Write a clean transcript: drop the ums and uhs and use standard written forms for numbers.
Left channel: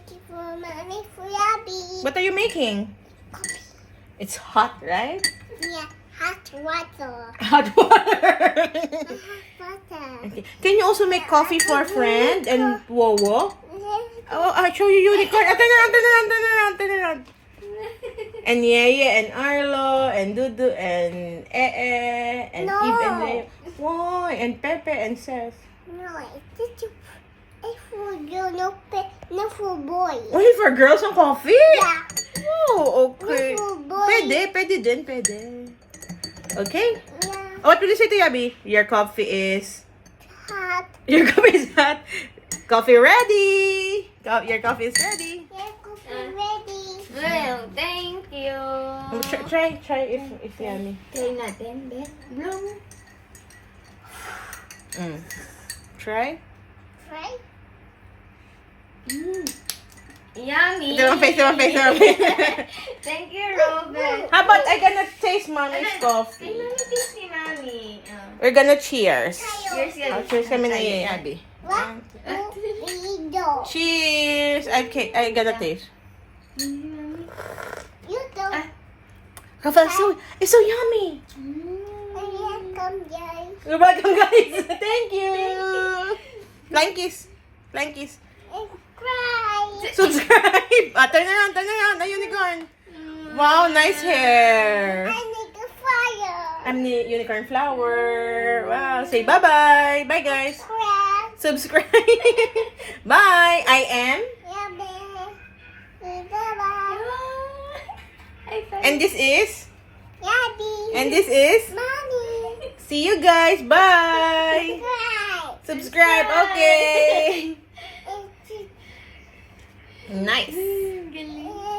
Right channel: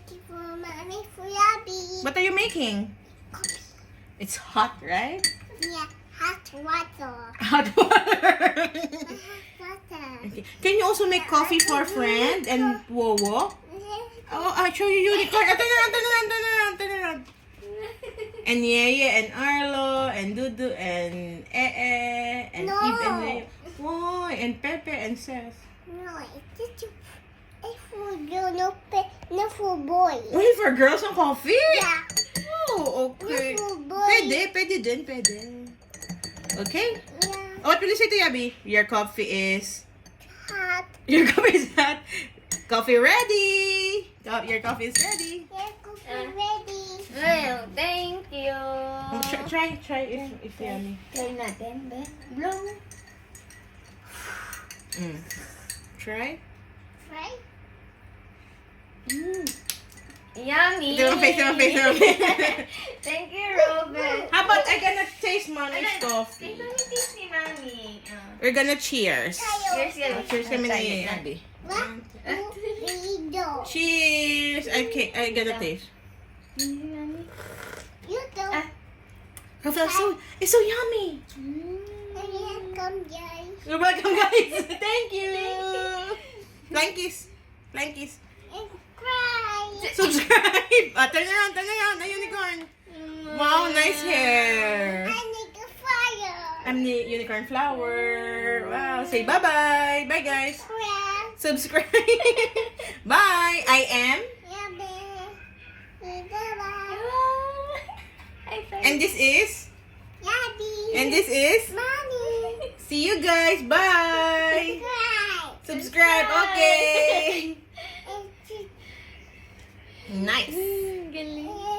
making for mommy for Abby. What are you making? Coffee. It's hot, right? Yeah, hot water. Hot water. Hot water. Okay. Can you also make coffee for friend and Wowo? Oh, I'll show you unicorn. Turn around. And Yeye and Arlo and Dudu and and No. Eve and Leo. Why? And Pepe and Seth. No, it's for girl, no for boy. Only for girls ang coffee? Yeah, Oh, okay. no for boy. Pwede din. Okay? Yeah, What will you say to Yabi? Your coffee is... hot. Your coffee is hot. Coffee ready. Your coffee is ready. Yeah, coffee ready. Well, thank you. Try if yummy. Try natin, Ben. Blow mo. Try. Right? Yummy. Ito ang face. Thank you, Robert. How about I gonna taste mommy's coffee? Tasty, Mami. We're gonna cheers. Cheers, guys. Oh, cheers kami ni Abby. What? You Cheers! I gotta taste. You don't. It's so yummy. Welcome, guys. You're welcome, guys. Thank you. Flying kiss. And cry. Subscribe. Turn around. The unicorn. Wow, nice hair. I need a fire. I'm the unicorn flower. Wow. Say bye-bye. Bye, guys. Cry. Subscribe. Bye. I am. Yeah, baby. Bye-bye. And this is. Yabby. And this is. Mommy. See you guys. Bye. Cry. Subscribe. Okay. Nice. Galing.